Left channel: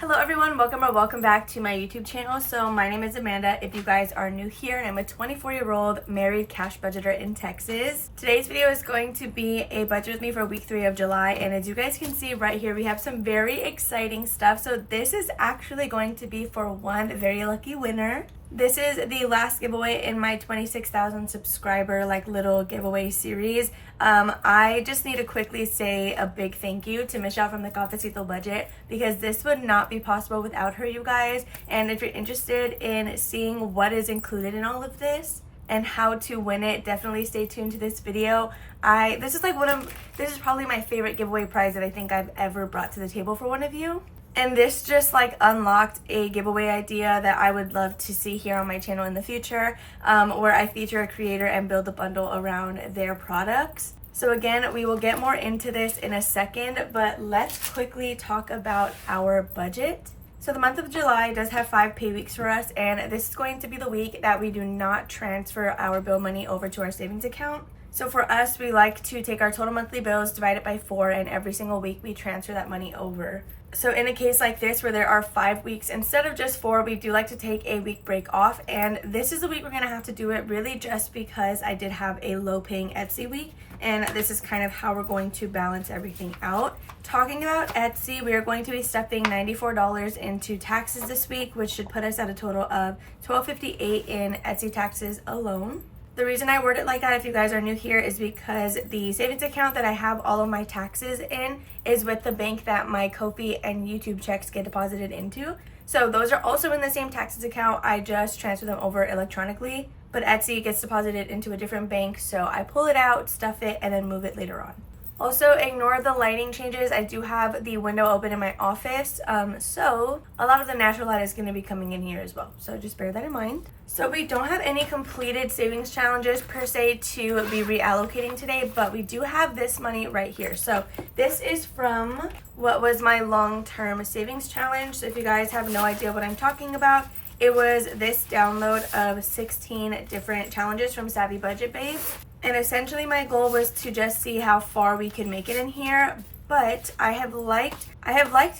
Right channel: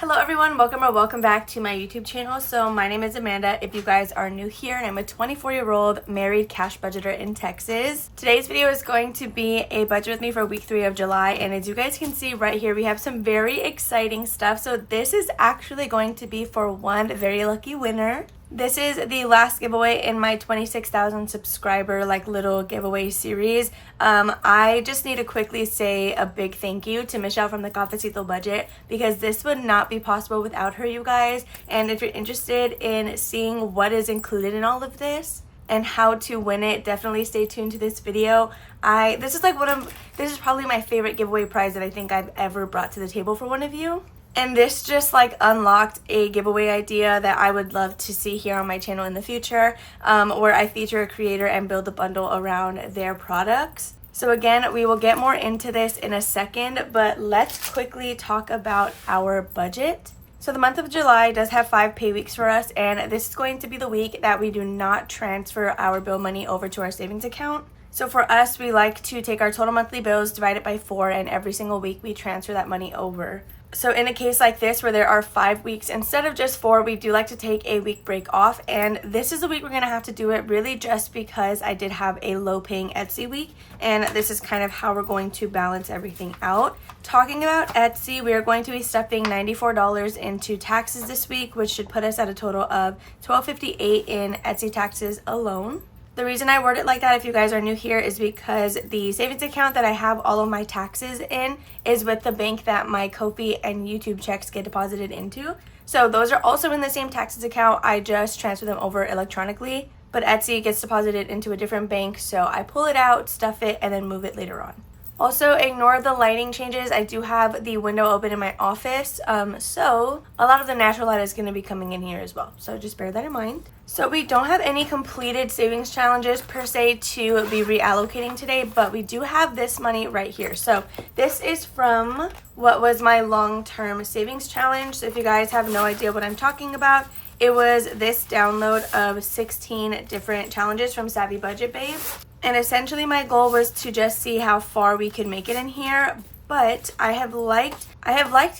Hello everyone, welcome back to my YouTube channel. So my name is Amanda if you guys are new here, and I'm a 24-year-old married cash budgeter in Texas. Today's video is going to be a budget with me for week 3 of July, and as you guys can see right here, we have some very exciting stuff. So this is actually going to be for one very lucky winner. This is the last giveaway in my 26,000 subscriber little giveaway series. I just need to quickly say a big thank you to Michelle from the Cafecito Budget, because this would not be possible without her, you guys. And if you're interested in seeing what is included in all of this and how to win it, definitely stay tuned to this video. This is probably my favorite giveaway prize that I think I've ever brought to the table for one of you. And this just unlocked a giveaway idea that I would love to see here on my channel in the future, where I feature a creator and build a bundle around their products. So again, we will get more into this in a second, but let's quickly talk about our budget. So the month of July does have 5 pay weeks for us, and this is going to be the week that we do not transfer our bill money over to our savings account. So for us, we like to take our total monthly bills, divide it by 4, and every single week we transfer that money over. So in a case like this where there are 5 weeks instead of just 4, we do like to take a week break off, and this is the week we're going to have to do it, really just because I did have a low paying Etsy week, and this is kind of how we're going to balance everything out. Talking about Etsy, we are going to be stuffing $94 into taxes this week, which should put us at a total of $12.58 in Etsy taxes alone. The reason I word it like that, if you guys are new here, is because the savings account that I have all of my taxes in is with the bank that my Ko-fi and YouTube checks get deposited into. So those are also in the same taxes account. I just transfer them over electronically, but Etsy gets deposited into a different bank. So I pull it out, stuff it, and then move it later on. Also, ignore the lighting changes. I do have the window open in my office, so a lot of the natural light is going to be coming in here as well. So just bear that in mind. So we don't have any completed savings challenges per se to be reallocating today, but we do have this money right here. So this is from what was my long-term savings challenge. So if you guys have no idea what I'm talking about, it was this download of 16 different challenges from Savvy Budget Babe. And essentially my goal was to just see how far we could make it in here. But I have liked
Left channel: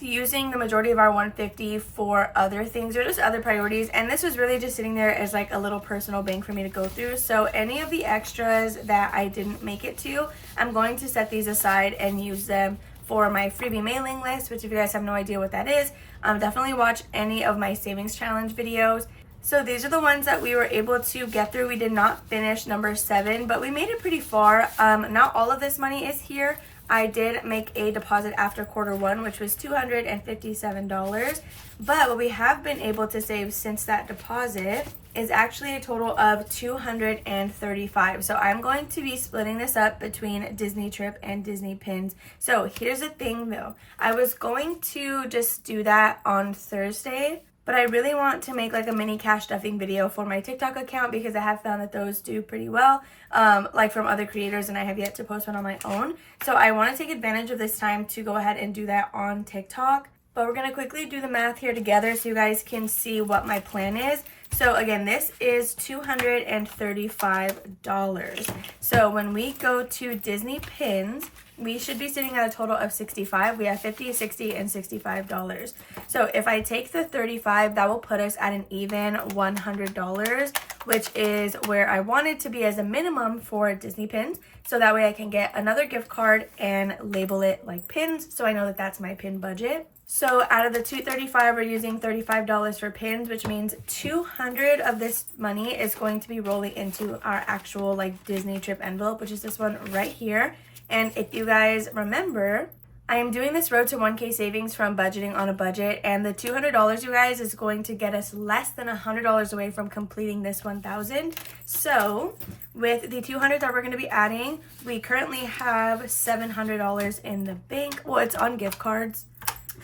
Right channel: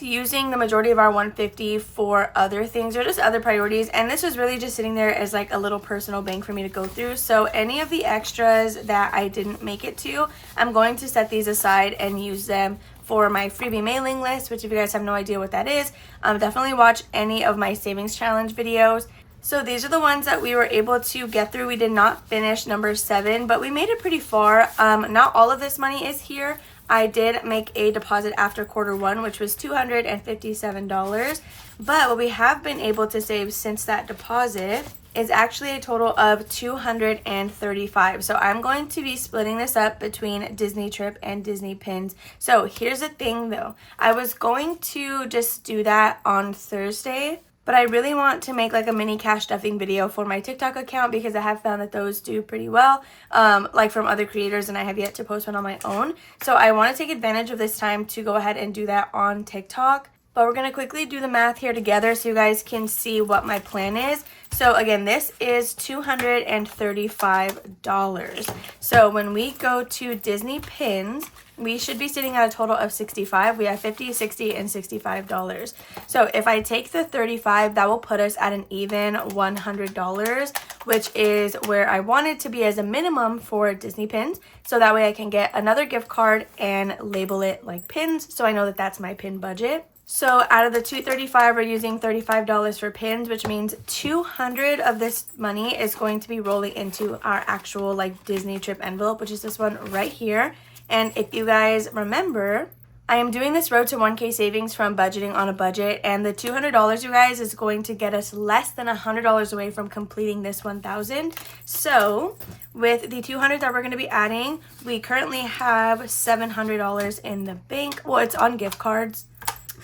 using the majority of our 150 for other things or just other priorities. And this was really just sitting there as a little personal bank for me to go through. So any of the extras that I didn't make it to, I'm going to set these aside and use them for my freebie mailing list, which if you guys have no idea what that is, definitely watch any of my savings challenge videos. So these are the ones that we were able to get through. We did not finish number 7, but we made it pretty far. Not all of this money is here. I did make a deposit after quarter 1, which was $257. But what we have been able to save since that deposit is actually a total of $235. So I'm going to be splitting this up between Disney Trip and Disney Pins. So here's the thing though. I was going to just do that on Thursday, but I really want to make a mini cash stuffing video for my TikTok account, because I have found that those do pretty well, from other creators, and I have yet to post one on my own. So I want to take advantage of this time to go ahead and do that on TikTok. But we're going to quickly do the math here together so you guys can see what my plan is. So again, this is $235. So when we go to Disney Pins, we should be sitting at a total of $65. We have $50, $60, and $65. So if I take the $35, that will put us at an even $100, which is where I wanted to be as a minimum for Disney Pins. So that way I can get another gift card and label it like pins, so I know that that's my pin budget. So out of the $235, we're using $35 for pins, which means $200 of this money is going to be rolling into our actual Disney Trip envelope, which is this one right here. And if you guys remember, I am doing this road to 1K savings from budgeting on a budget, and the $200, you guys, is going to get us less than $100 away from completing this 1,000. So with the $200 that we're going to be adding, we currently have $700 in the bank. Well, it's on gift cards,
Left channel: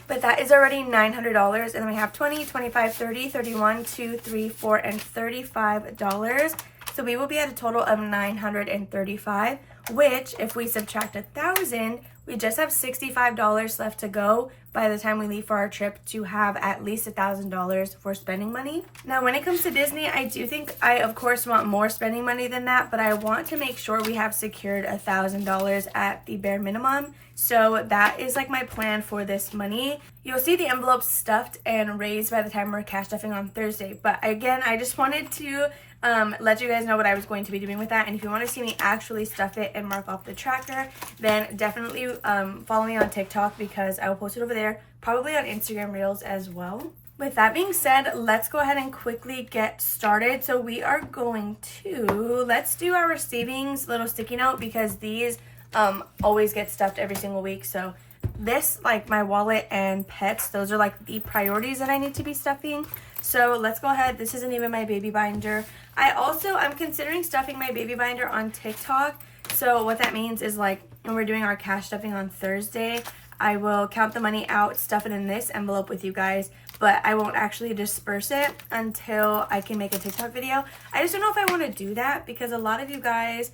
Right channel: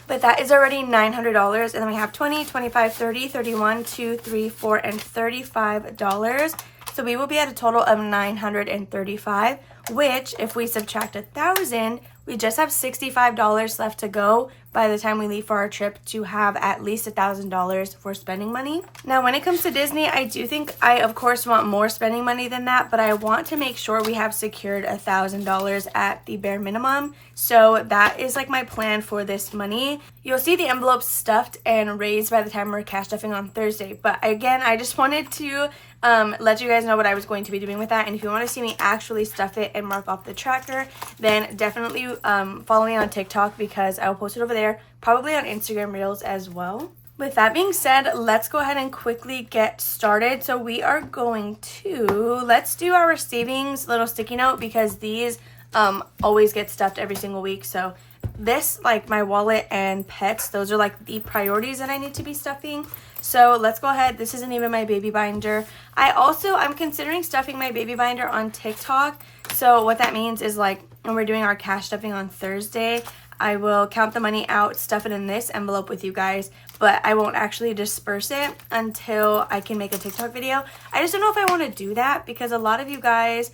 but that is already $900. And then we have 20, 25, 30, 31, 2, 3, 4, and $35. So we will be at a total of $935, which if we subtract 1,000, We just have $65 left to go by the time we leave for our trip to have at least $1,000 for spending money. Now, when it comes to Disney, I do think I, of course, want more spending money than that, but I want to make sure we have secured $1,000 at the bare minimum. So that is like my plan for this money. You'll see the envelopes stuffed and raised by the time we're cash stuffing on Thursday. But again, I just wanted to let you guys know what I was going to be doing with that. And if you want to see me actually stuff it and mark off the tracker, then definitely follow me on TikTok because I will post it over there, probably on Instagram Reels as well. With that being said, let's go ahead and quickly get started. So we are going to, let's do our savings little sticky note because these always get stuffed every single week. So this, like my wallet and pets, those are like the priorities that I need to be stuffing. So let's go ahead. This isn't even my baby binder. I'm considering stuffing my baby binder on TikTok. So what that means is like when we're doing our cash stuffing on Thursday, I will count the money out, stuff it in this envelope with you guys, but I won't actually disperse it until I can make a TikTok video. I just don't know if I want to do that because a lot of you guys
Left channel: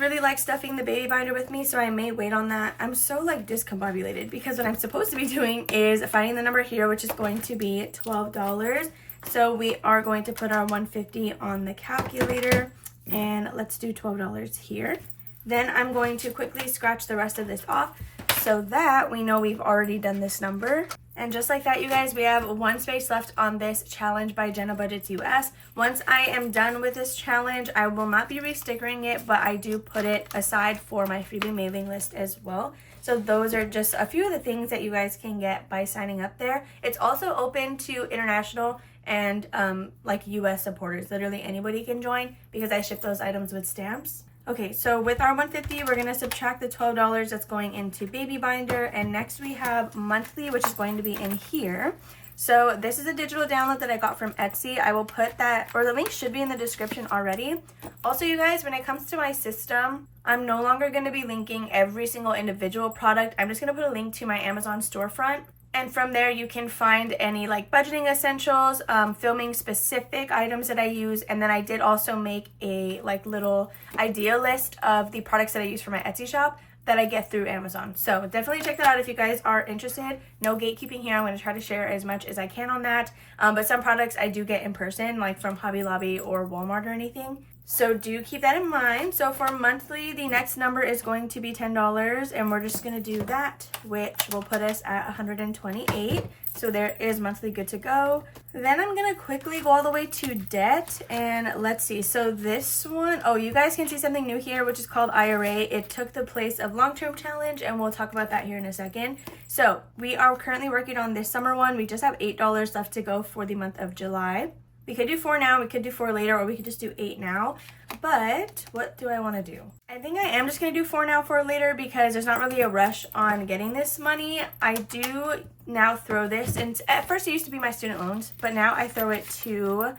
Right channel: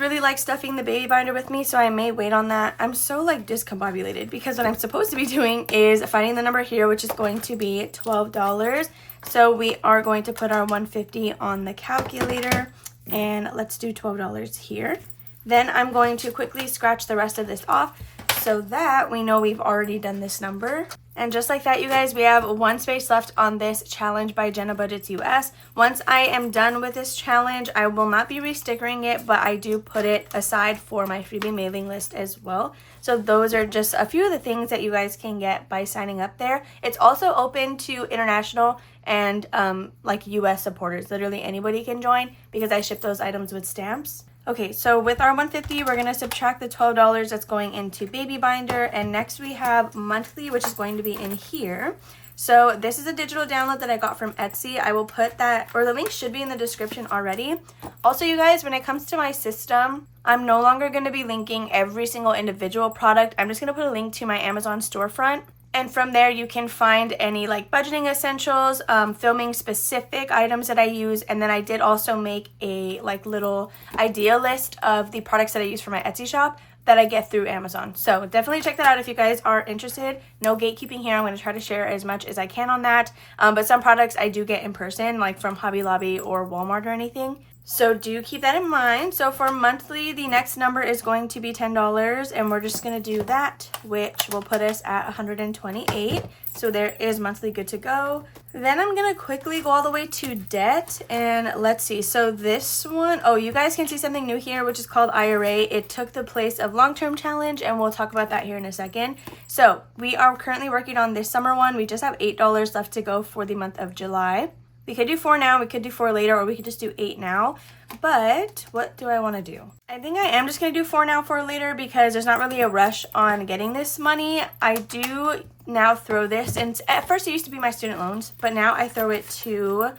really like stuffing the baby binder with me, so I may wait on that. I'm so like discombobulated because what I'm supposed to be doing is finding the number here, which is going to be $12. So we are going to put our $150 on the calculator and let's do $12 here. Then I'm going to quickly scratch the rest of this off so that we know we've already done this number. And just like that, you guys, we have one space left on this challenge by BudgetWithAmanda US. Once I am done with this challenge, I will not be re-stickering it, but I do put it aside for my freebie mailing list as well. So those are just a few of the things that you guys can get by signing up there. It's also open to international and like US supporters. Literally anybody can join because I ship those items with stamps. Okay, so with our $150, we're going to subtract the $12 that's going into baby binder, and next we have monthly, which is going to be in here. So this is a digital download that I got from Etsy. I will put that, or the link should be in the description already. Also, you guys, when it comes to my system, I'm no longer going to be linking every single individual product. I'm just going to put a link to my Amazon storefront. And from there, you can find any like budgeting essentials, filming specific items that I use. And then I did also make a like little idea list of the products that I use for my Etsy shop that I get through Amazon. So definitely check that out if you guys are interested. No gatekeeping here. I'm going to try to share as much as I can on that. But some products I do get in person, like from Hobby Lobby or Walmart or anything. So do keep that in mind. So for monthly, the next number is going to be $10, and we're just going to do that, which will put us at $128. So there is monthly good to go. Then I'm going to quickly go all the way to debt, and let's see. So this one, oh, you guys can see something new here, which is called IRA. It took the place of long-term challenge, and we'll talk about that here in a second. So we are currently working on this summer one. We just have $8 left to go for the month of July. We could do 4 now, we could do 4 later, or we could just do 8 now. But what do I want to do? I think I am just going to do 4 now, 4 later because there's not really a rush on getting this money. I do now throw this, and at first it used to be my student loans, but now I throw it to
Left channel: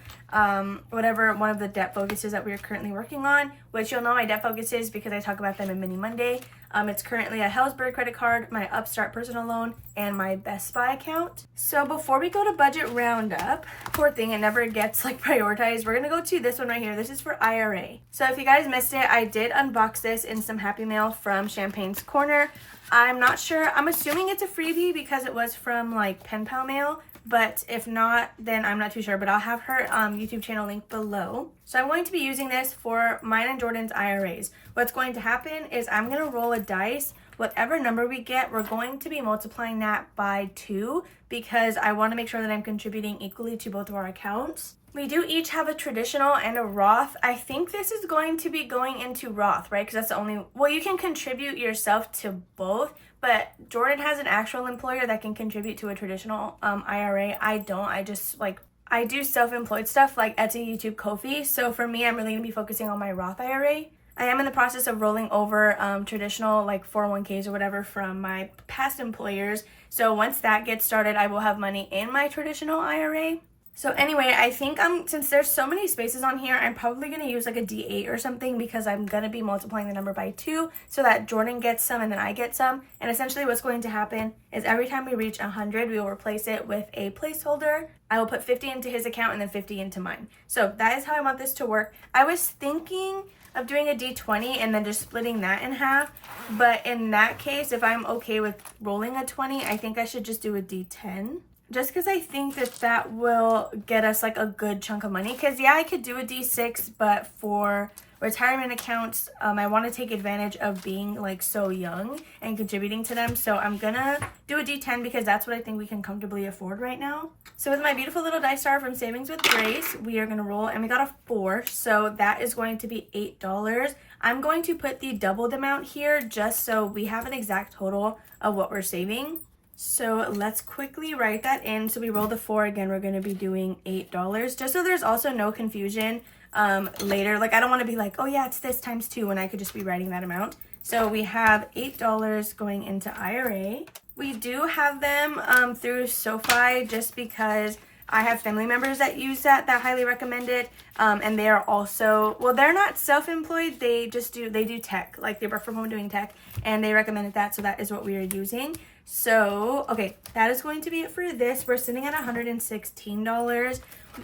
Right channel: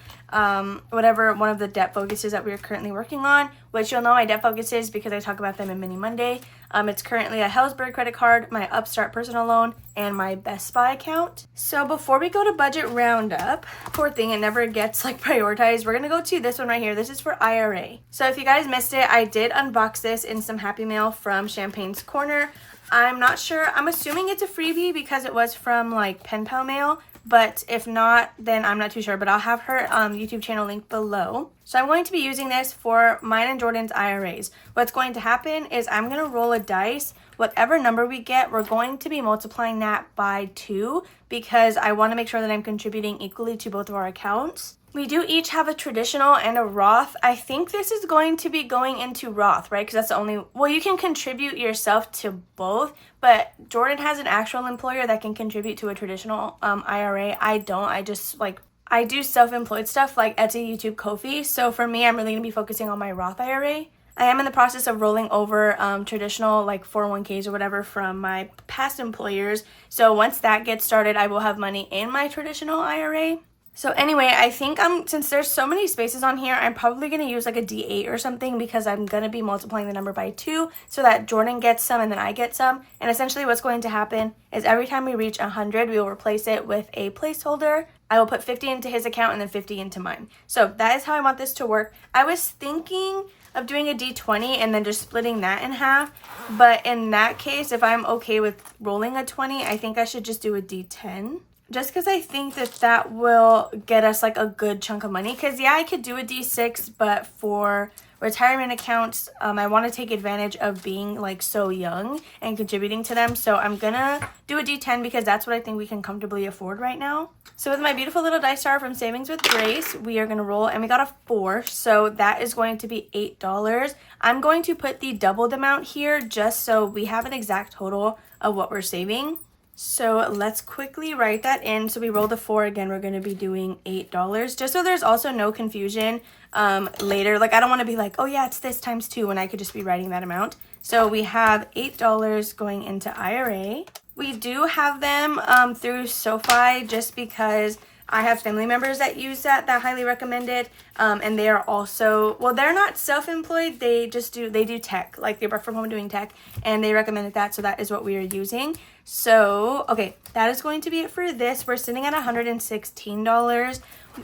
whatever one of the debt focuses that we are currently working on, which you'll know my debt focuses because I talk about them in Mini Monday. It's currently a Hellsberg credit card, my Upstart personal loan, and my Best Buy account. So before we go to budget roundup, poor thing, it never gets like prioritized. We're gonna go to this one right here. This is for IRA. So if you guys missed it, I did unbox this in some Happy Mail from Champagne's Corner. I'm not sure. I'm assuming it's a freebie because it was from like Pen Pal Mail. But if not, then I'm not too sure. But I'll have her YouTube channel linked below. So I'm going to be using this for mine and Jordan's IRAs. What's going to happen is I'm going to roll a dice. Whatever number we get, we're going to be multiplying that by 2 because I want to make sure that I'm contributing equally to both of our accounts. We do each have a traditional and a Roth. I think this is going to be going into Roth, right? Because that's the only, well, you can contribute yourself to both, but Jordan has an actual employer that can contribute to a traditional IRA. I don't. I do self-employed stuff like Etsy, YouTube, Ko-fi. So for me, I'm really going to be focusing on my Roth IRA. I am in the process of rolling over traditional like 401ks or whatever from my past employers. So once that gets started, I will have money in my traditional IRA. So anyway, I think since there's so many spaces on here, I'm probably going to use like a D8 or something because I'm going to be multiplying the number by 2 so that Jordan gets some and then I get some. And essentially what's going to happen is every time we reach 100, we will replace it with a placeholder. I will put 50 into his account and then 50 into mine. So that is how I want this to work. I was thinking of doing a D20 and then just splitting that in half. But in that case, if I'm okay with rolling a 20, I think I should just do a D10. Just because I think that that will get us like a good chunk of money. Because yeah, I could do a D6, but for retirement accounts, I want to take advantage of being like so young and contributing to them. So I'm gonna do a D10 because that's what I think we can comfortably afford right now. So with my beautiful little dice star from Savings with Grace, we are gonna roll, and we got a 4. So that is going to be $8. I'm going to put the doubled amount here just so we have an exact total of what we're saving. So let's quickly write that in. So we rolled a 4 again. We're going to be doing $8 just so there's also no confusion later. Like I don't want to be like, oh yeah, it's this times 2 when I could just be writing that amount. So we have $8 going into IRA. We do have them through SoFi just because I have family members that use that highly recommend it. And they are also, well, they're not self-employed. They do tech, like they work from home doing tech, and they recommended that. So that is what we are using. So, okay, that is going to be it for this. We're sitting at $116.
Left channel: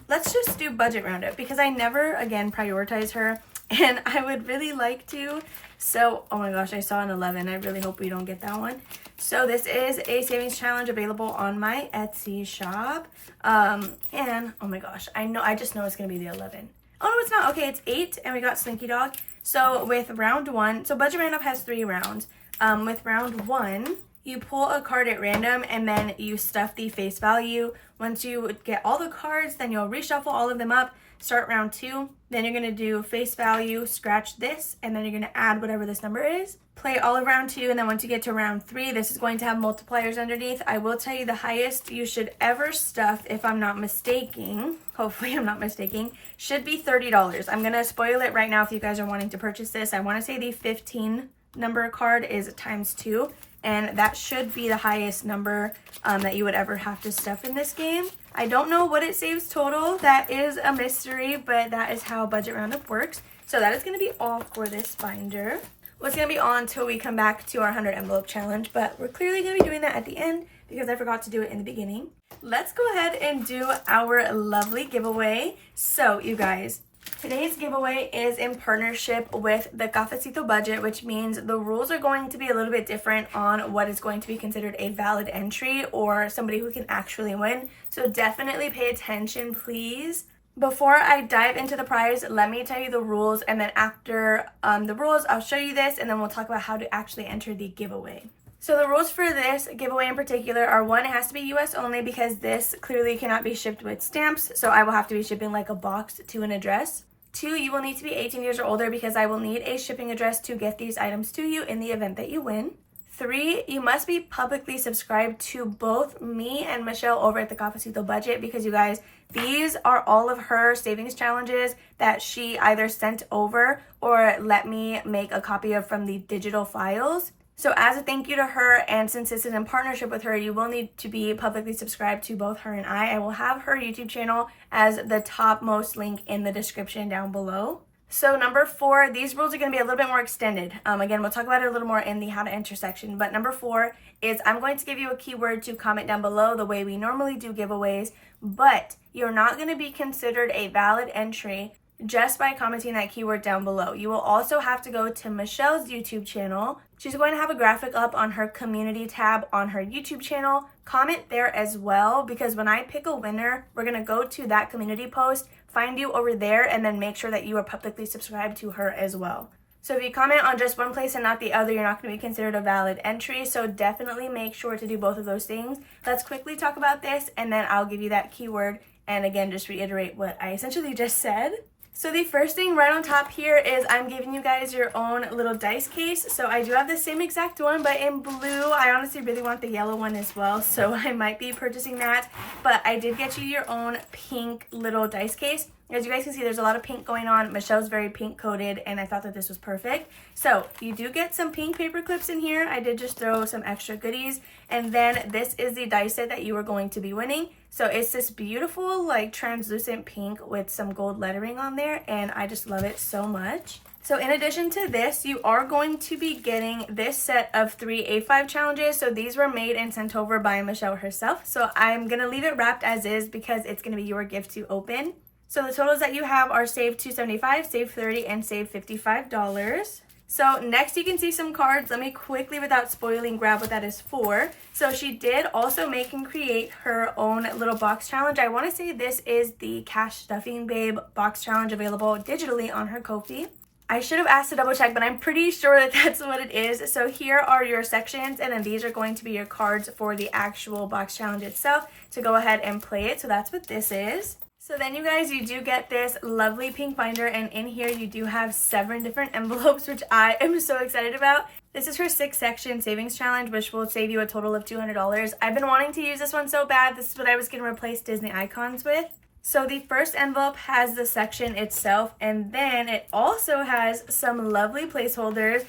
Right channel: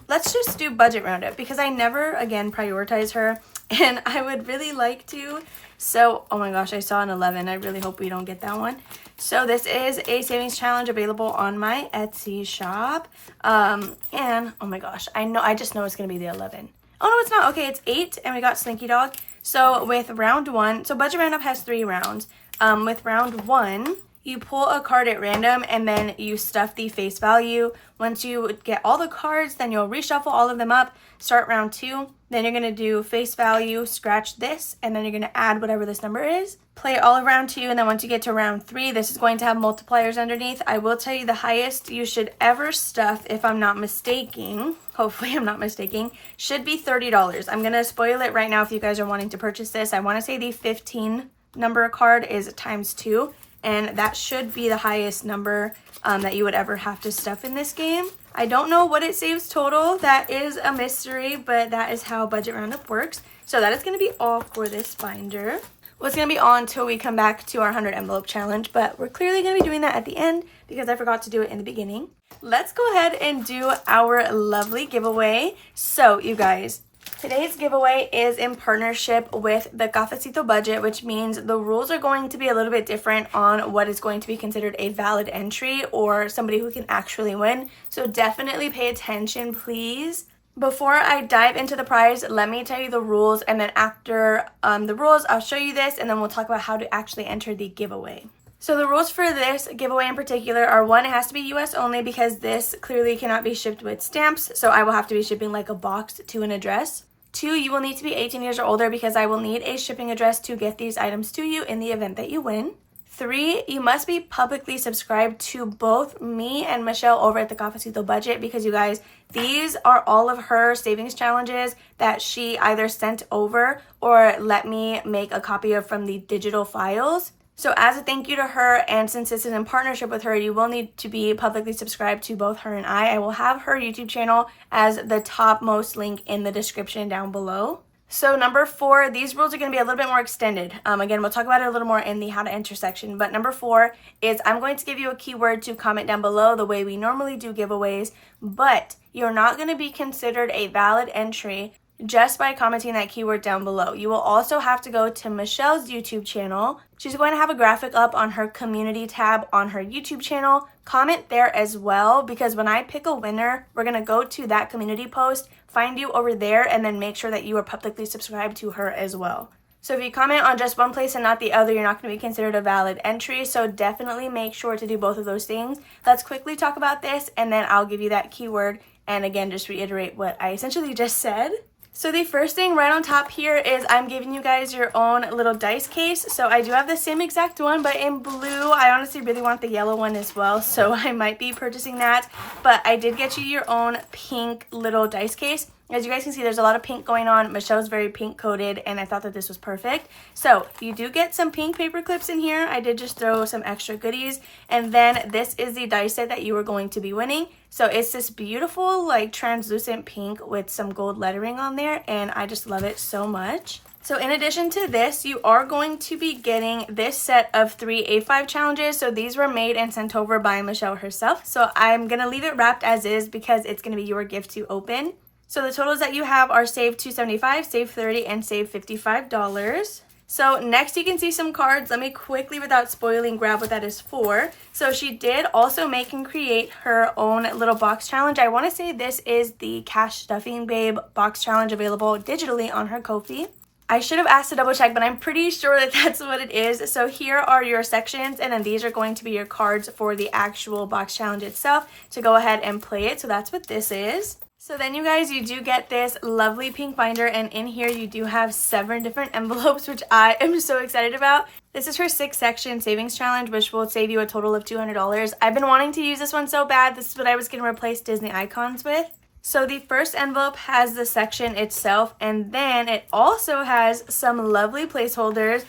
Let's just do budget roundup because I never, again, prioritize her, and I would really like to. So, oh my gosh, I saw an 11. I really hope we don't get that one. So this is a savings challenge available on my Etsy shop. And, oh my gosh, I just know it's going to be the 11. Oh, no, it's not. Okay, it's 8, and we got Slinky Dog. So with round 1, so budget roundup has 3 rounds. With round 1, you pull a card at random and then you stuff the face value. Once you get all the cards, then you'll reshuffle all of them up, start round 2. Then you're going to do face value, scratch this, and then you're going to add whatever this number is. Play all of round 2, and then once you get to round 3, this is going to have multipliers underneath. I will tell you the highest you should ever stuff, if I'm not mistaken, hopefully I'm not mistaken, should be $30. I'm going to spoil it right now if you guys are wanting to purchase this. I want to say the 15 number card is times 2. And that should be the highest number that you would ever have to stuff in this game. I don't know what it saves total. That is a mystery, but that is how Budget Roundup works. So that is going to be all for this binder. Well, it's going to be all until we come back to our 100 envelope challenge, but we're clearly going to be doing that at the end because I forgot to do it in the beginning. Let's go ahead and do our lovely giveaway. So, you guys, today's giveaway is in partnership with the Cafecito Budget, which means the rules are going to be a little bit different on what is going to be considered a valid entry or somebody who can actually win. So definitely pay attention, please. Before I dive into the prize, let me tell you the rules, and then after the rules, I'll show you this, and then we'll talk about how to actually enter the giveaway. So the rules for this giveaway in particular are, 1, it has to be US only because this clearly cannot be shipped with stamps, so I will have to be shipping like a box to an address. 2, you will need to be 18 years or older because I will need a shipping address to get these items to you in the event that you win. 3, you must be publicly subscribed to both me and Michelle over at the Cafecito Budget because, you guys, these are all of her savings challenges that she either sent over or let me make a copy of from the digital files. So as a thank you to her, and since this is in partnership with her, you will need to be publicly subscribed to both her and I. I will have her YouTube channel as the topmost link in the description down below. So number 4, these rules are going to be a little bit more extended. Again, we'll talk about it a little more in the how to enter section. But number 4 is I'm going to give you a keyword to comment down below the way we normally do giveaways. But you're not going to be considered a valid entry just by commenting that keyword down below. You will also have to go to Michelle's YouTube channel. She's going to have a graphic up on her community tab on her YouTube channel. Comment there as well, because when I pick a winner, we're going to go to that community post, find you over there, and then make sure that you are publicly subscribed to her as well. So if you comment on just one place and not the other, you're not going to be considered a valid entry. So definitely make sure to do both of those things. Let's quickly talk about this, and then I'll give you that keyword. And again, just reiterate what I essentially just said. So the first thing right on top here is I'm giving you guys your own little dice case. So I do have the same exact one, but in blue. I honestly really want the yellow one as well, so I might be purchasing that. But I did get you your own pink little dice case. As you guys can see, there's a lot of pink going on. Michelle's very pink coated, and I thought that this was perfect. So you do get some pink paper clips in here. I did just throw some extra goodies. And then this is the dice set that you are going to be winning. So it's this beautiful, like, translucent pink with some gold lettering on there, and I just love it so much. So in addition to this, you are going to be getting this set of 3 A5 challenges. So these were made and sent over by Michelle herself. So I'm going to leave it wrapped as is because it's going to be your gift to open. So the totals that you have are save $275, save $30, and save $55. So next you can see some cards. Let me quickly, without spoiling, grab what that is for. So she did also make and create her own little box challenge. I want to say this is the Cash Stuffing Babe box challenge, available digitally on her Ko-fi. I should have asked to double check, but I'm pretty sure that that's what it is. So here are your sections, and then these are going to be your cards for the actual box challenge itself to go ahead and play it. So that's what this is. So then you guys, you do get this lovely pink binder, and in here you do have 7 different envelopes, which I am so excited about. This is her 6-section savings challenge, which will save you a total of $200. I've been wanting to use this one so bad. This is what I was going to replace Disney icons with. So the first envelope has the section itself, and then it also has some lovely placeholders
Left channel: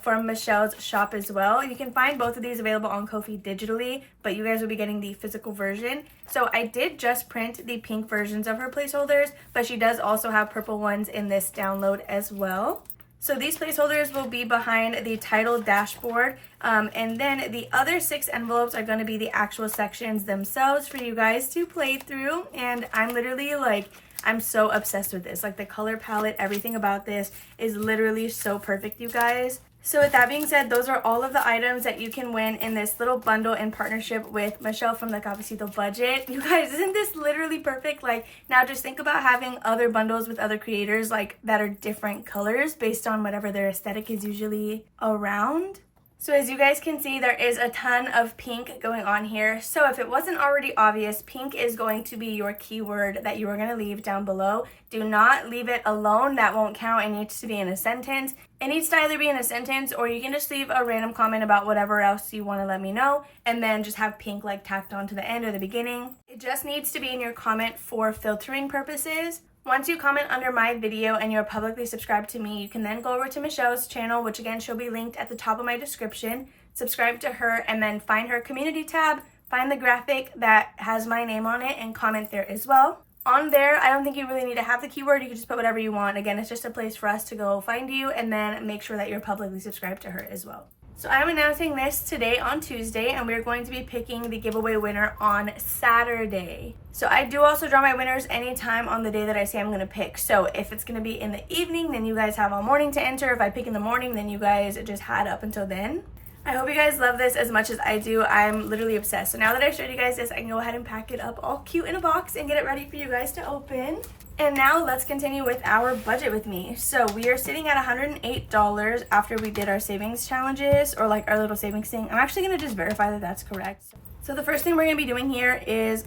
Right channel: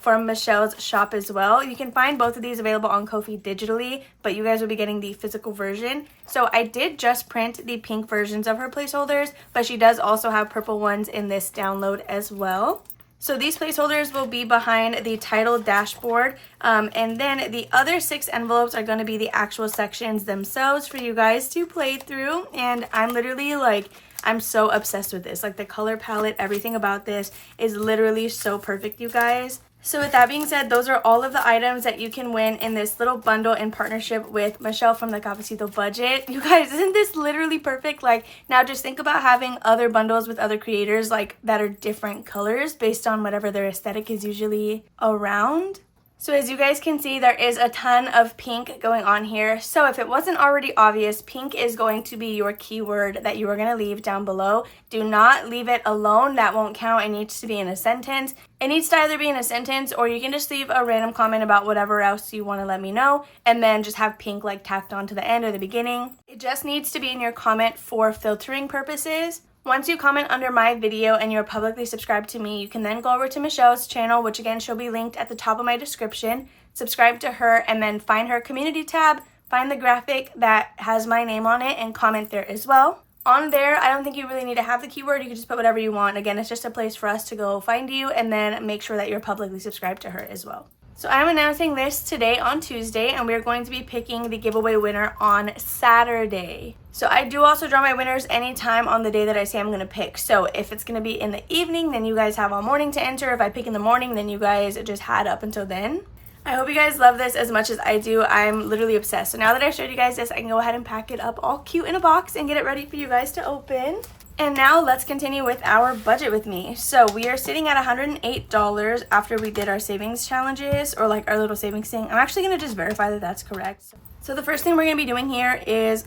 from Michelle's shop as well. You can find both of these available on Ko-fi digitally, but you guys will be getting the physical version. So I did just print the pink versions of her placeholders, but she does also have purple ones in this download as well. So these placeholders will be behind the title dashboard, and then the other 6 envelopes are going to be the actual sections themselves for you guys to play through. And I'm literally like, I'm so obsessed with this. Like, the color palette, everything about this is literally so perfect, you guys. So with that being said, those are all of the items that you can win in this little bundle in partnership with Michelle from the Cafecito Budget. You guys, isn't this literally perfect? Like, now just think about having other bundles with other creators, like, that are different colors based on whatever their aesthetic is usually around. So as you guys can see, there is a ton of pink going on here. So if it wasn't already obvious, pink is going to be your keyword that you are going to leave down below. Do not leave it alone. That won't count. It needs to be in a sentence. It needs to either be in a sentence, or you can just leave a random comment about whatever else you want to let me know, and then just have pink like tacked on to the end or the beginning. It just needs to be in your comment for filtering purposes. Once you comment under my video and you're publicly subscribed to me, you can then go over to Michelle's channel, which again, she'll be linked at the top of my description. Subscribe to her, and then find her community tab, find the graphic that has my name on it, and comment there as well. On there, I don't think you really need to have the keyword. You can just put whatever you want. Again, it's just a place for us to go find you, and then make sure that you're publicly subscribed to her as well. So I'm announcing this today on Tuesday, and we're going to be picking the giveaway winner on Saturday. So I do also draw my winners anytime on the day that I say I'm going to pick. So if it's going to be in the evening, then you guys have all morning to enter. If I pick in the morning, then you guys just had up until then. I hope you guys love this as much as I do. I'm literally obsessed. So now that I showed you guys this, I can go ahead and pack it up all cute in a box and get it ready for you guys to open. And now let's continue with our budget with me. So we are sitting at $108 after we did our savings challenges, or like our little savings thing. I'm actually going to just verify that that's correct. So the first thing we're going to be doing here is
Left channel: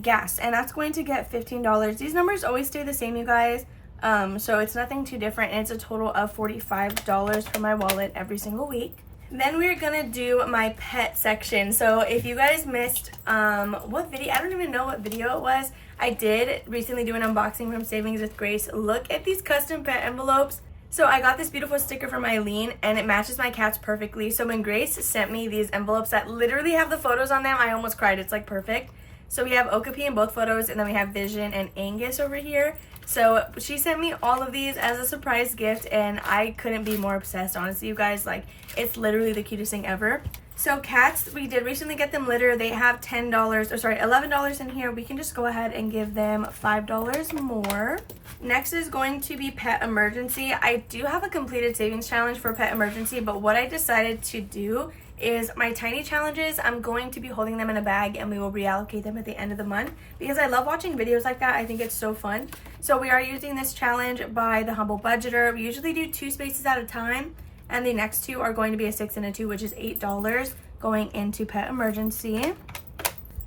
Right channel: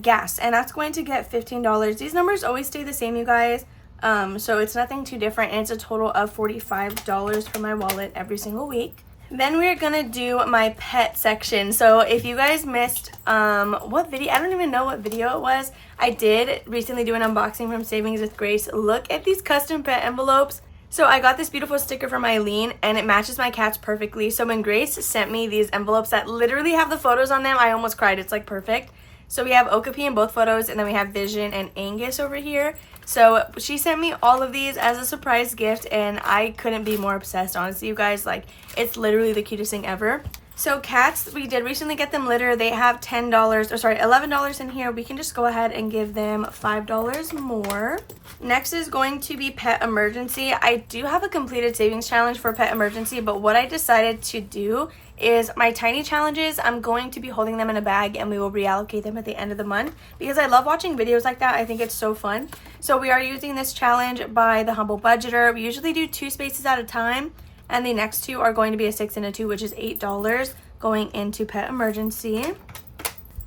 gas, and that's going to get $15. These numbers always stay the same, you guys. So it's nothing too different, and it's a total of $45 for my wallet every single week. Then we're gonna do my pet section. So if you guys missed what video, I don't even know what video it was. I did recently do an unboxing from Savings with Grace. Look at these custom pet envelopes. So I got this beautiful sticker from Eileen, and it matches my cats perfectly. So when Grace sent me these envelopes that literally have the photos on them, I almost cried. It's like perfect. So we have Okapi in both photos, and then we have Vision and Angus over here. So she sent me all of these as a surprise gift, and I couldn't be more obsessed, honestly, you guys. Like, it's literally the cutest thing ever. So cats, we did recently get them litter. They have $11 in here. We can just go ahead and give them $5 more. Next is going to be Pet Emergency. I do have a completed savings challenge for Pet Emergency, but what I decided to do is my tiny challenges, I'm going to be holding them in a bag, and we will reallocate them at the end of the month because I love watching videos like that. I think it's so fun. So we are using this challenge by The Humble Budgeter. We usually do 2 spaces at a time, and the next 2 are going to be a 6 and a 2, which is $8 going into Pet Emergency.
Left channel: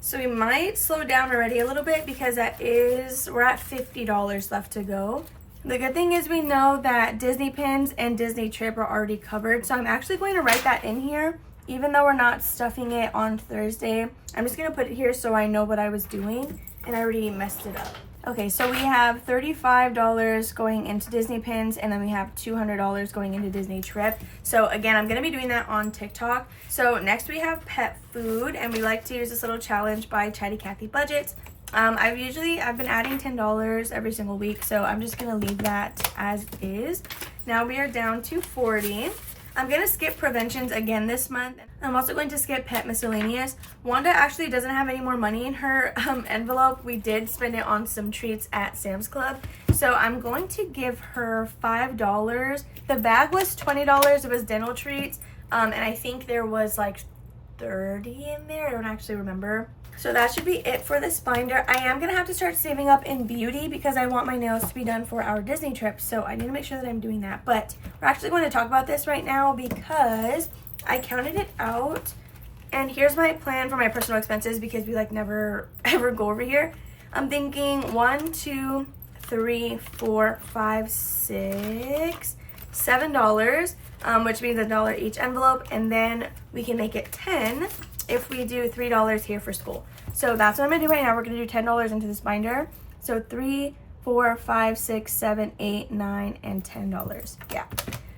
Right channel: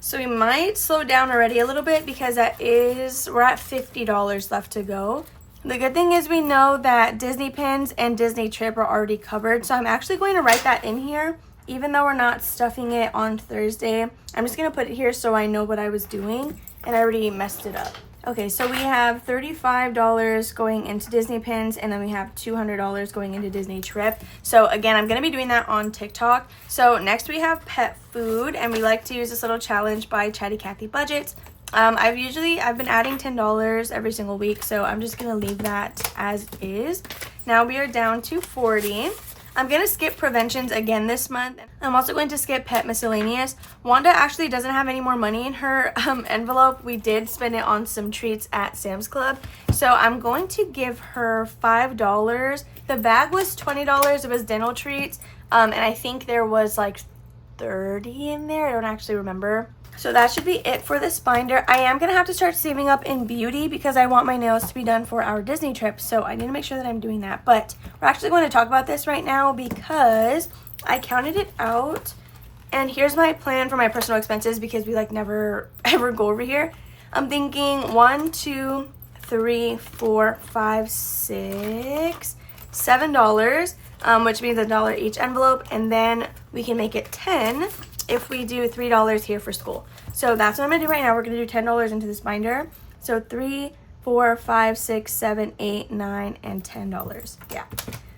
So we might slow down already a little bit because we're at $50 left to go. The good thing is we know that Disney Pins and Disney Trip are already covered, so I'm actually going to write that in here. Even though we're not stuffing it on Thursday, I'm just going to put it here so I know what I was doing, and I already messed it up. Okay, so we have $35 going into Disney Pins, and then we have $200 going into Disney Trip. So again, I'm going to be doing that on TikTok. So next we have pet food, and we like to use this little challenge by KathyBudgets. I've been adding $10 every single week, so I'm just going to leave that as is. Now we are down to $40. I'm going to skip preventions again this month. I'm also going to skip pet miscellaneous. Wanda actually doesn't have any more money in her envelope. We did spend it on some treats at Sam's Club. So I'm going to give her $5. The bag was $20. It was dental treats. And I think there was like 30 in there. I don't actually remember. So that should be it for this binder. I am going to have to start saving up in beauty because I want my nails to be done for our Disney trip. So I need to make sure that I'm doing that. But we're actually going to talk about this right now because I counted it out. And here's my plan for my personal expenses because we like never ever go over here. I'm thinking $1, $2, $3, $4, $5, $6, $7, which means $1 each envelope. And then we can make it 10 if we do $3 here for school. So that's what I'm gonna do right now. We're gonna do $10 into this binder. So 3, 4, 5, 6, 7, 8, 9, and $10. Yeah,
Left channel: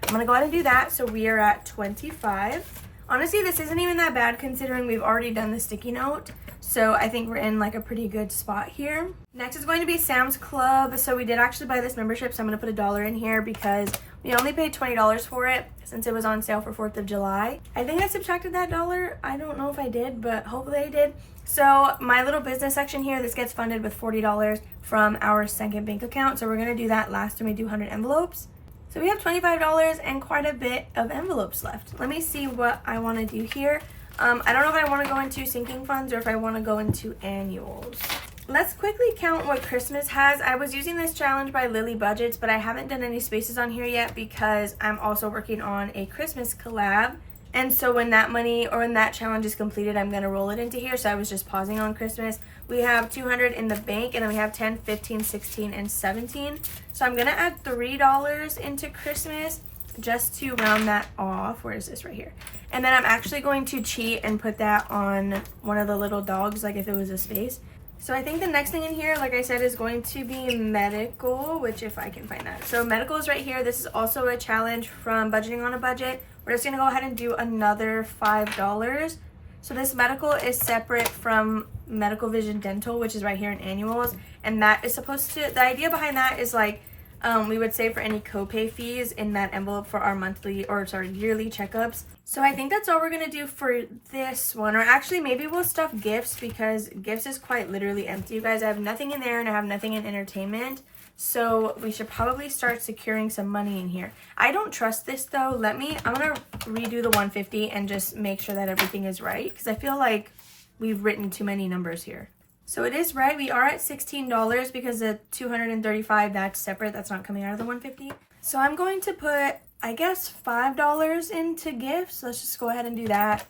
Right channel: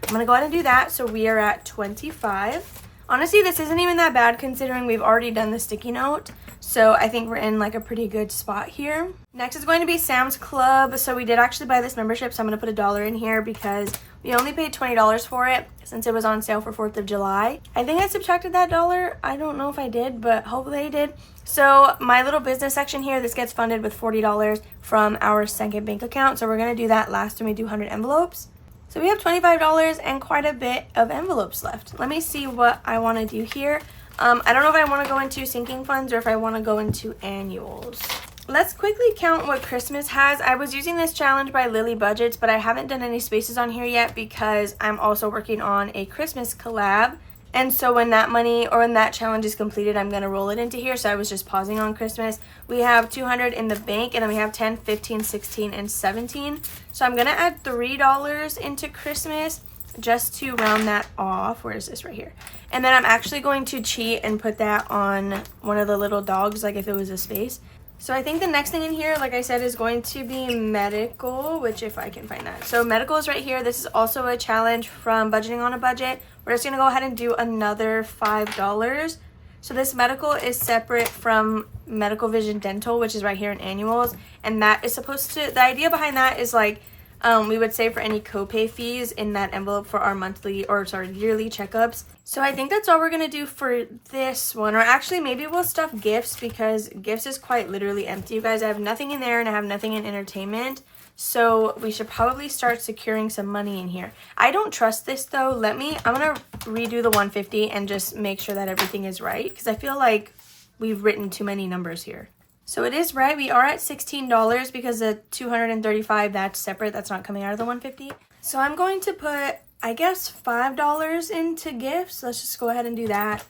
I'm gonna go ahead and do that. So we are at 25. Honestly, this isn't even that bad considering we've already done the sticky note. So I think we're in like a pretty good spot here. Next is going to be Sam's Club. So we did actually buy this membership. So I'm gonna put $1 in here because we only paid $20 for it since it was on sale for 4th of July. I think I subtracted that $1. I don't know if I did, but hopefully I did. So my little business section here, this gets funded with $40 from our second bank account. So we're gonna do that last when we do 100 envelopes. So we have $25 and quite a bit of envelopes left. Let me see what I wanna do here. I don't know if I wanna go into sinking funds or if I wanna go into annuals. Let's quickly count what Christmas has. I was using this challenge by KathyBudgets, but I haven't done any spaces on here yet because I'm also working on a Christmas collab. And so when that money or when that challenge is completed, I'm going to roll it into here. So I was just pausing on Christmas. We have 200 in the bank, and then we have 10, 15, 16, and 17. So I'm going to add $3 into Christmas just to round that off. Where is this? Right here. And then I'm actually going to cheat and put that on one of the little dogs, like if it was a space. So I think the next thing in here, like I said, is going to be medical, which if I can find that. So medical is right here. This is also a challenge from Budgeting on a Budget. We're just going to go ahead and do another $5. So this medical is separate from medical vision dental, which is right here in annuals. And that is supposed to, the idea behind that is like, we would save for any copay fees in that envelope for our yearly checkups. So I think that's all we're going to do for this one. Or actually, maybe we'll stuff gifts because gifts is quite literally empty. You guys, I have nothing in there and I have nothing in entertainment. So we should probably start securing some money in here. I don't trust this though. I'm going to redo the 150 and just make sure that everything is right because I feel like we've written too many numbers here. So it is right. We are at $16 because the 235, that's separate. That's not coming out of the 150. So I'm going to put, I guess, $5 into gifts. Let's just go ahead and do that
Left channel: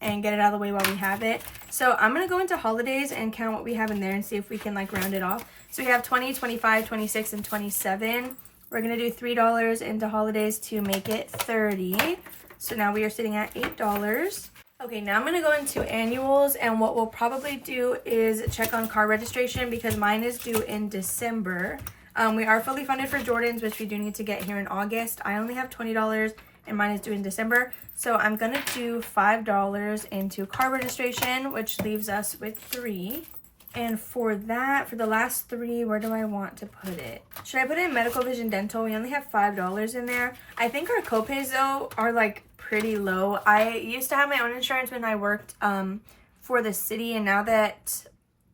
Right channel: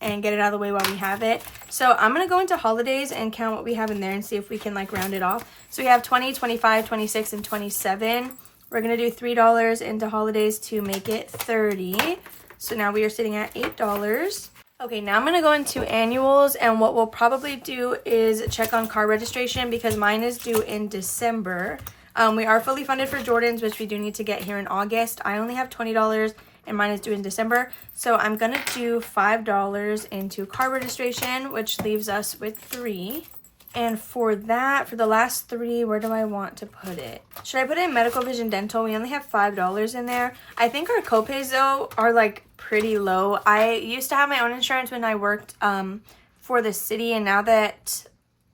and get it out of the way while we have it. So I'm going to go into holidays and count what we have in there and see if we can like round it off. So we have 20, 25, 26, and 27. We're going to do $3 into holidays to make it 30. So now we are sitting at $8. Okay, now I'm going to go into annuals, and what we'll probably do is check on car registration because mine is due in December. We are fully funded for Jordan's, which we do need to get here in August. I only have $20 and mine is due in December. So I'm going to do $5 into car registration, which leaves us with $3. And for that, for the last $3, where do I want to put it? Should I put it in medical vision dental? We only have $5 in there. I think our copays though are like pretty low. I used to have my own insurance when I worked for the city, and now that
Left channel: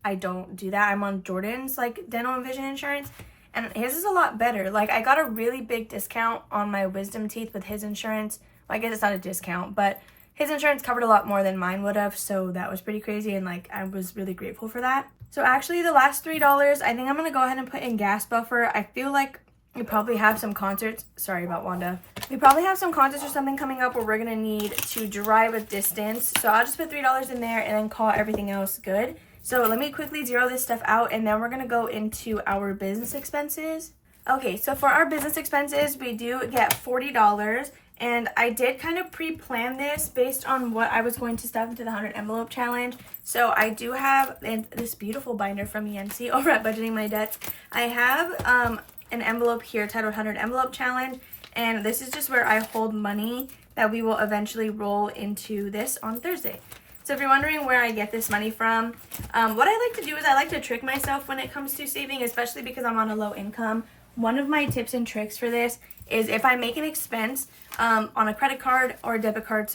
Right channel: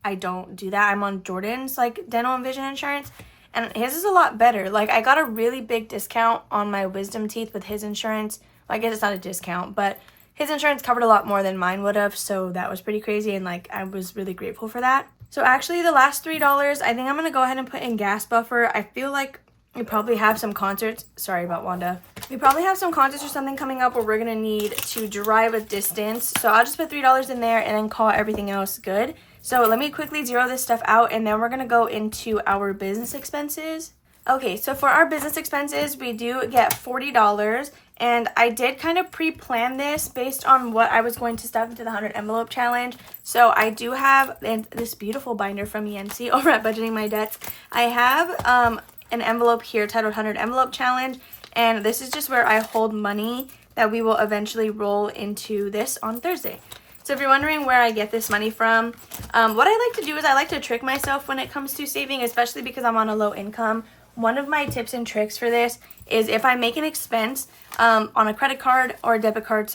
I don't do that, I'm on Jordan's like dental and vision insurance, and his is a lot better. Like I got a really big discount on my wisdom teeth with his insurance. Well, I guess it's not a discount, but his insurance covered a lot more than mine would have, so that was pretty crazy, and like I was really grateful for that. So actually the last $3, I think I'm gonna go ahead and put in gas buffer. I feel like we probably have some concerts. Sorry about Wanda. We probably have some concerts or something coming up where we're gonna need to drive a distance. So I'll just put $3 in there and then call everything else good. So let me quickly zero this stuff out, and then we're gonna go into our business expenses. Okay, so for our business expenses, we do get $40. And I did kind of pre-plan this based on what I was going to stuff into the 100 envelope challenge. So I do have this beautiful binder from Yancy over at Budgeting My Debts. I have an envelope here titled 100 envelope challenge. And this is just where I hold money that we will eventually roll into this on Thursday. So if you're wondering where I get this money from, what I like to do is I like to trick myself when it comes to saving, especially because I'm on a low income. one of my tips and tricks for this is if I make an expense on a credit card or a debit card,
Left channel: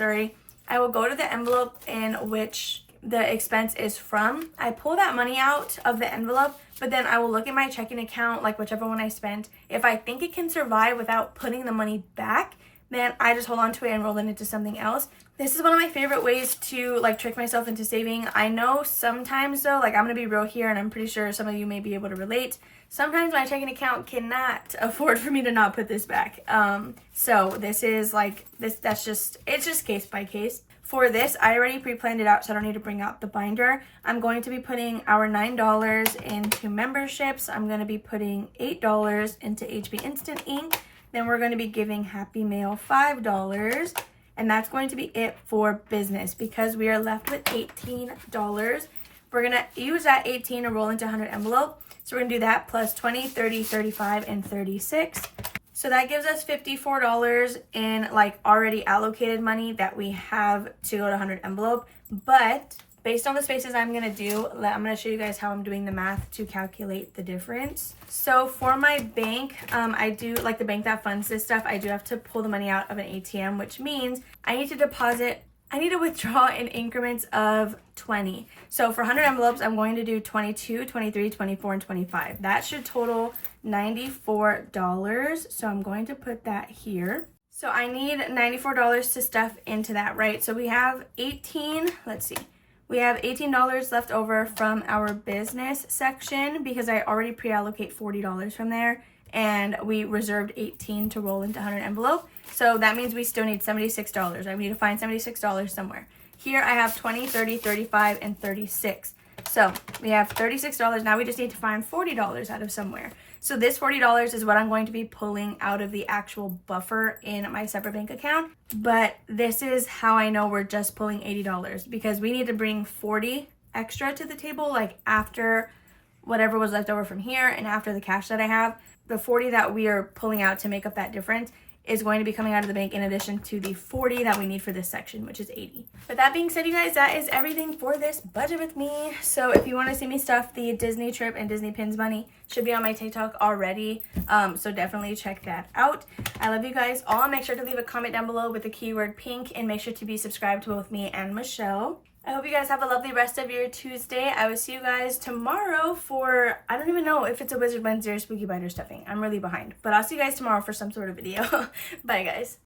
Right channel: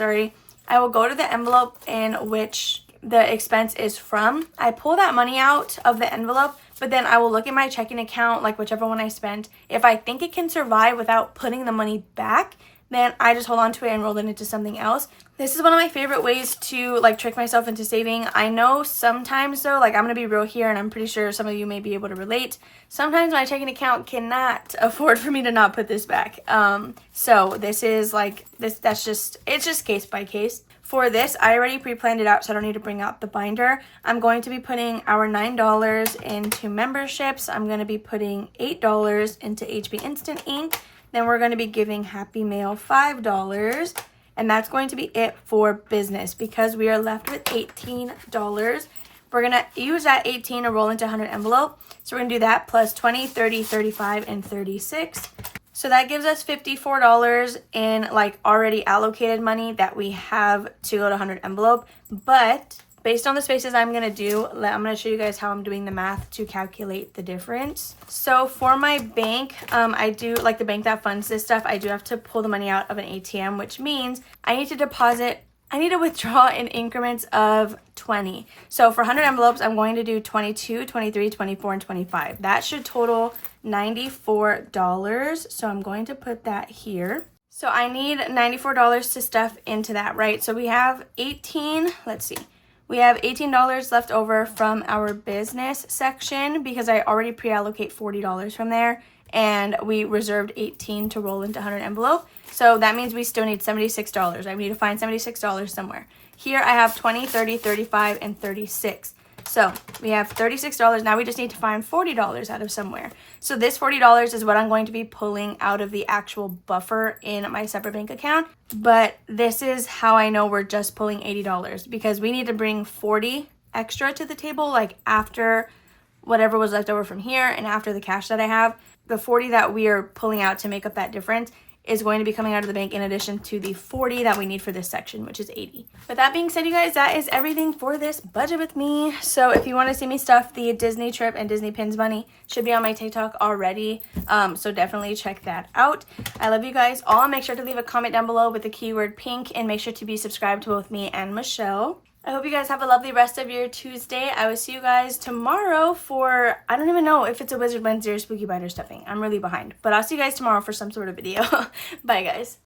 I will go to the envelope in which the expense is from. I pull that money out of the envelope, but then I will look at my checking account, like whichever one I spent. If I think it can survive without putting the money back, then I just hold on to it and roll it into something else. This is one of my favorite ways to like trick myself into saving. I know sometimes though, like I'm gonna be real here, and I'm pretty sure some of you may be able to relate. Sometimes my checking account cannot afford for me to not put this back. So this is like this. It's just case by case. For this, I already pre-planned it out, so I don't need to bring out the binder. I'm going to be putting our $9 into memberships. I'm going to be putting $8 into HP Instant Ink. Then we're going to be giving Happy Mail $5. And that's going to be it for business because we are left with $18. We're going to use that 18 to roll into 100 envelope. So we're going to do that plus 20, 30, 35, and 36. So that gives us $54 in like already allocated money that we have to go to 100 envelope. But based on the spaces I'm going to do, I'm going to show you guys how I'm doing the math to calculate the difference. So for my bank, I do like the bank that funds this stuff. I do have to pull the money out of an ATM, which means I need to withdraw in increments of 20. So for 100 envelopes, I'm going to do 22, 23, 24, and 25. That should total $94. So I'm going to put that here. So I need $94 to stuff into that, right? So we have we have $18 left over from our business section because I already pre-allocate $40 from there, and we reserved 18 to roll into 100 envelope. So that means we still need $76. I need to find $76 somewhere. Here I have 20, 30, 35, and 36. So we have $36. Now we just need to find $40 out of somewhere. So this $40 is what I'm going to be pulling out of the actual buffer in my separate bank account. But this is how I know we're just pulling $80 because we need to bring 40 extra to the table, like after whatever was left over from here and after the cash that I have. The 40 that we are pulling out to make up that difference is going to be coming out of the bank in addition to the 40 that we need for this section, which is 80. But that being said, you guys, that is everything for this budget with me. So if you want to see me stuff the Disney trip and Disney pins bunny, should be on my TikTok already. So definitely check that out. I love you guys all. Make sure to leave a comment down below with the keyword pink, and make sure to be subscribed to both me and Michelle. I hope you guys have a lovely rest of your Tuesday. I will see you guys tomorrow for, I don't even know if it's a Wizard Wednesday or Spooky Biter stuffing. I'm really behind. But I'll see you guys tomorrow for some sort of video. Bye, guys.